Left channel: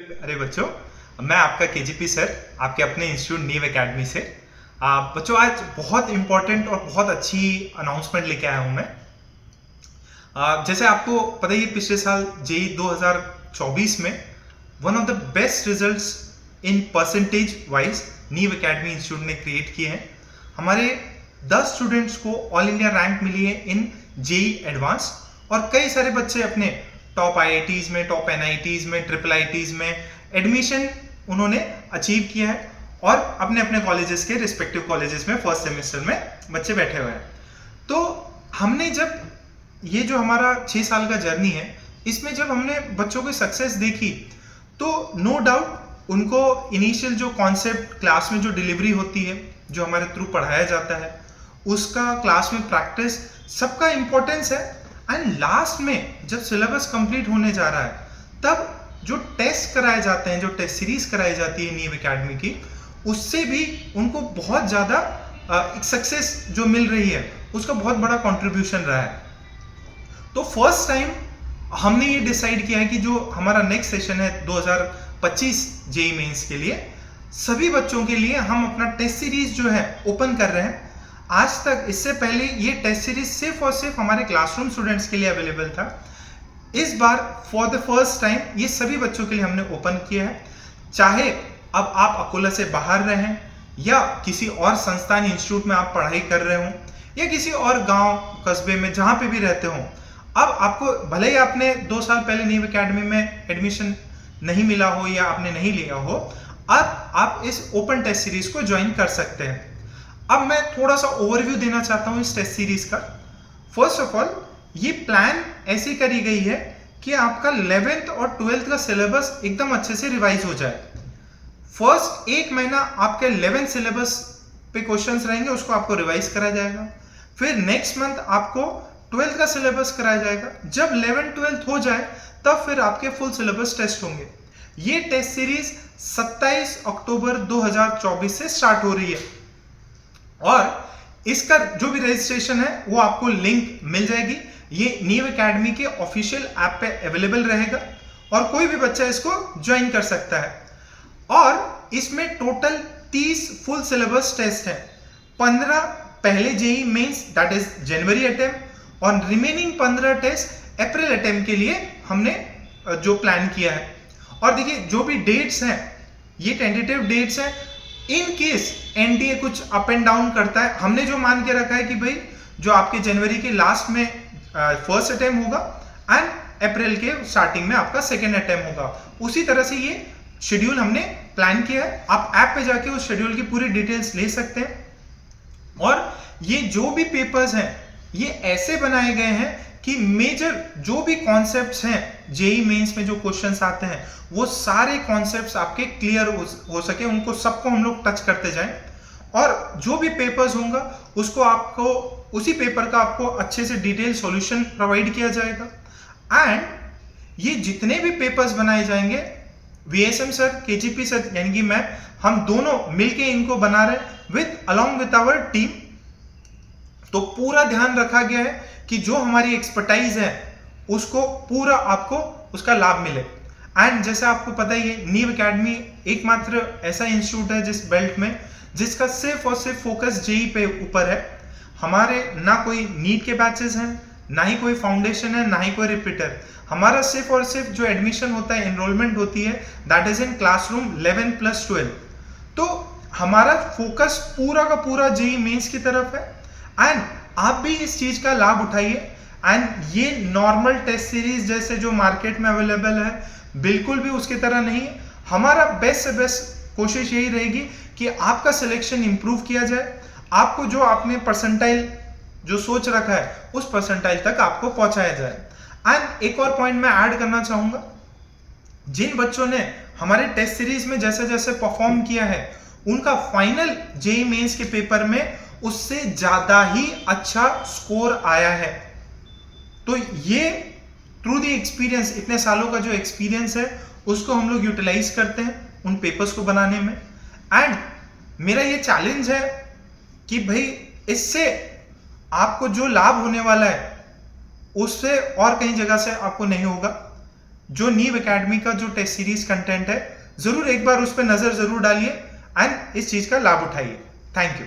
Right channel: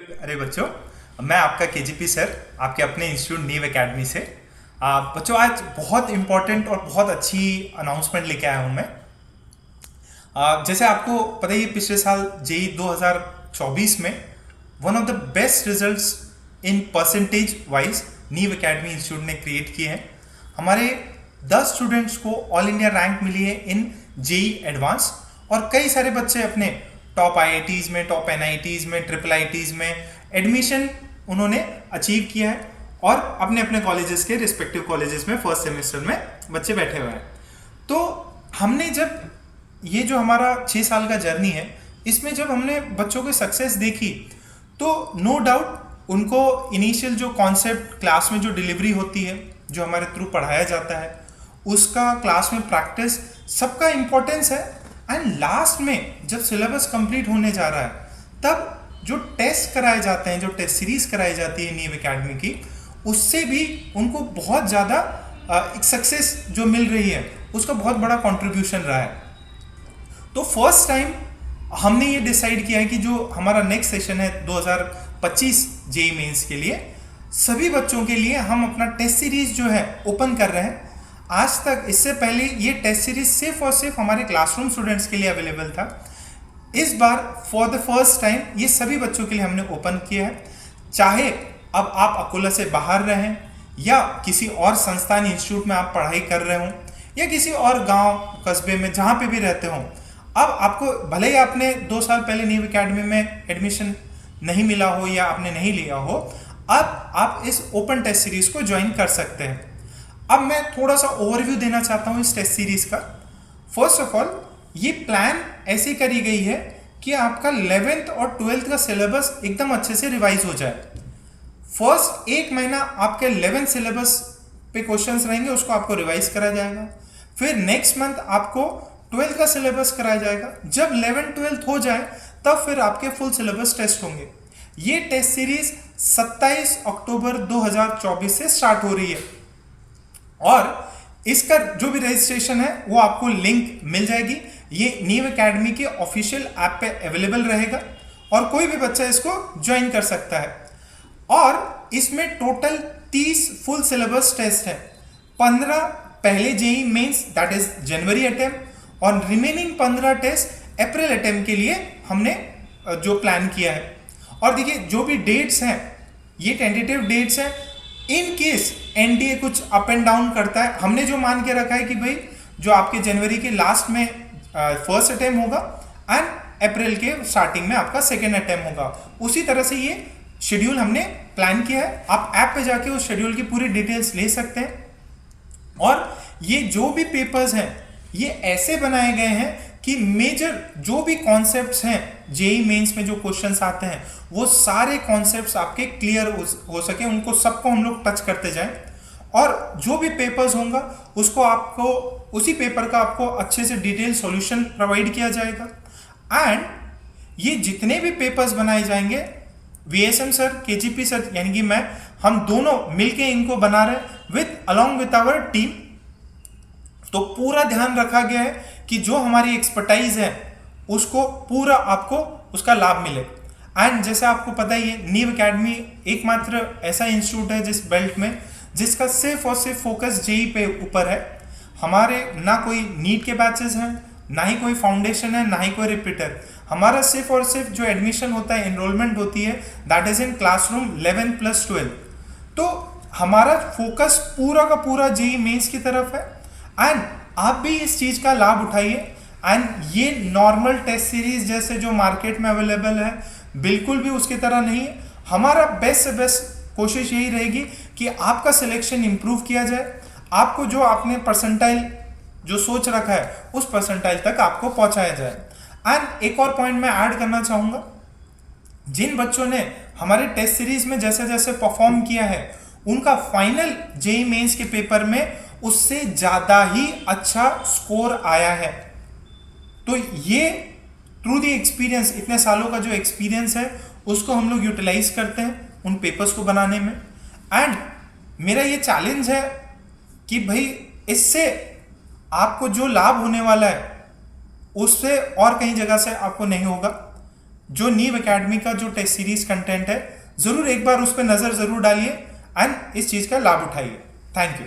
अरे बच्चों, मैं आपका केजीपी सर आपके अपने इंस्टीट्यूट नीव एकेडमी से। बच्चों, आज बहुत इंपॉर्टेंट और बहुत अच्छी अनाउंसमेंट लेके आया हूँ मैं। जैसे आपको पता ही है, पिछले साल जेई 2024 में one of the best results in percentage wise नीव एकेडमी इंस्टीट्यूट ने क्रिएट किए हैं। हमारे 10 स्टूडेंट्स को ऑल इंडिया रैंक मिली है इन जेई एडवांस, और कई सारे बच्चे अपने टॉप आईआईटीज में, टॉप एनआईटीज में, ट्रिपल आईटीज में एडमिशन उन्होंने अचीव किया है, और अपने अपने कॉलेजेस के रिस्पेक्टिव कॉलेजेस में फर्स्ट सेमेस्टर में बच्चे बैठे हुए हैं। तो हमने जब ये जो हमारा 6 साल का जर्नी है, इसमें जब हमने बच्चों की सक्सेस देखी, तो नो डाउट उनको इनिशियल जो कॉन्सेप्ट क्लास में जो डिलीवरी होती है, जो हमारे थ्रू पढ़ाया जाता है, उसका क्लास में प्रैक्टिस सबका इंपॉर्टेंस है। एंड लास्ट में जब सिलेबस कंप्लीट होने जा रहा है, तब जो टेस्ट कराए जाते हैं, जो टेस्ट सीरीज कराई जाती है नीव एकेडमी की, उससे भी उनको बहुत ज़्यादा सक्सेस जो मिल रही है, उसका बहुत बड़ा कंट्रीब्यूशन रहा है। तो फर्स्ट टाइम हमने ये डिसाइड किया है कि जो हमारा नेक्स्ट सेशन है 2025 जेई मेंस के लिए, सभी बच्चों के लिए हम अपना टेस्ट सीरीज जो है ओपन कर रहे हैं। आज तक इससे पहले ये टेस्ट सीरीज सिर्फ और सिर्फ हमारे क्लासरूम स्टूडेंट्स के लिए अवेलेबल था। इस बार फॉर द फर्स्ट टाइम ये सभी बच्चों के लिए हमने ओपन किया है। चाहे अब आप अकोला से बाहर रहें, या किसी और संस्थान इंस्टीट्यूट में आप पढ़ाई कर रहे हो, या किसी और गांव कस्बे में जहां पे भी रहते हो, अब आपको भले ही आपने 2 साल पहले नीव एकेडमी में एडमिशन नहीं मिला हो या आपने नहीं लिया हो, अब आप इस ओपन टेस्ट सीरीज को ज्वाइन कर सकते हैं। अब मैं थोड़ा सा ओवरव्यू देना चाहता हूं इस टेस्ट सीरीज का। फर्स्ट ऑफ ऑल, ये प्लान ऐसी करी गई है कि आपका 11th और 12th का सिलेबस एकदम अच्छे से रिवाइज हो जाए। फर्स्ट 1 महीना आपके 11th सिलेबस पे क्वेश्चंस रहेंगे, उसको आपको रिवाइज कराया जाएगा। फिर नेक्स्ट मंथ आपको 12th का सिलेबस कराया जाएगा। जब 11th 12th हो जाए, तब फिर आपके फुल सिलेबस टेस्ट होंगे। ये टेस्ट सीरीज 27 अक्टूबर 2024 से स्टार्ट हो रही है, और इसका जो भी रजिस्ट्रेशन है वो आपको लिंक मिल जाएगी। ये नीव एकेडमी के ऑफिशियल ऐप पे अवेलेबल रहेगा, और कोई भी बच्चा इसको ज्वाइन कर सकता है। और इसमें टोटल 30 फुल सिलेबस टेस्ट है। 15 पहले JEE mains that is January attempt, और रिमेनिंग 15 टेस्ट अप्रैल अटेम्प्ट के लिए हमने जो प्लान किया है। और देखिए, जो भी डेट्स हैं ये टेंटेटिव डेट्स हैं। इन केस एनटीए कुछ अप एंड डाउन करता है, हमने जो मान के रखा है कि भाई जो आपके जनवरी के लास्ट में फर्स्ट अटेम्प्ट होगा, एंड अप्रैल के स्टार्टिंग में आपका सेकेंड अटेम्प्ट होगा। उसी तरह से ये शेड्यूल हमने प्लान किया है। आप ऐप पे जाके उस शेड्यूल की पूरी डिटेल्स ले सकते हैं। और ये जो भी पेपर्स हैं, ये ऐसे बनाए गए हैं कि मेजर जो भी कॉन्सेप्ट्स हैं जेई मेंस में, जो क्वेश्चंस आते हैं, वो सारे कॉन्सेप्ट्स आपके क्लियर हो सके, उनको सबको हम लोग टच करते जाएं। और जो भी पेपर्स होंगे, उसको आपको उसी पेपर का आपको अच्छे से डिटेल सॉल्यूशन प्रोवाइड किया जाएगा। एंड ये जितने भी पेपर्स बनाए जाएंगे, वीएसएम सर, केजीपी सर यानी कि मैं, हम दोनों मिलके इनको बना रहे हैं with along with our team. तो पूरा ध्यान रखा गया है कि जो हमारी एक्सपर्टाइज है उसको पूरा आपको उसका लाभ मिले। एंड जैसा आपको पता ही है, नीव एकेडमी एकमात्र ऐसा इंस्टीट्यूट है जिस बेल्ट में जिसका सिर्फ और सिर्फ फोकस जेई पे ऊपर है। हमारे ना कोई नीट के बैचेस हैं, ना ही कोई फाउंडेशन है, ना ही कोई रिपीटर। हमारा सिर्फ और सिर्फ जो एडमिशन होता है, एनरोलमेंट होती है, दैट इज इन क्लासरूम 11+12। तो हमारा फोकस पूरा का पूरा जेई मेंस की तरफ है। एंड आप भी इस चीज का लाभ उठाइए। एंड ये नॉर्मल टेस्ट सीरीज जैसे जो मार्केट में अवेलेबल है, बिल्कुल भी उसकी तरह नहीं है। हमारा बेस्ट से बेस्ट कोशिश यही रहेगी कि आपका सिलेक्शन इंप्रूव किया जाए, आपको जो आपने परसेंटाइल जो सोच रखा है, उस परसेंटाइल तक आपको पहुंचाया जाए। एंड एक और पॉइंट मैं ऐड करना चाहूंगा, जिन बच्चों ने हमारे टेस्ट सीरीज में जैसे जैसे परफॉर्म किया है, उनका फाइनल जेई मेंस के पेपर में उससे ज्यादा ही अच्छा स्कोर आया है। तो ये थ्रू द एक्सपीरियंस, इतने सालों का जो एक्सपीरियंस है, उसको हम लोग यूटिलाइज करते हैं उन पेपर्स को बनाने में। एंड मेरा ये चैलेंज है कि भाई इससे आपको जो लाभ होने वाला है, उससे और कहीं जगह से आपको नहीं होगा। जो नीव एकेडमी का जो टेस्ट सीरीज कंटेंट है, जरूर एक बार उस पर नजर जरूर डालिए एंड इस चीज का लाभ उठाइए। Thank you.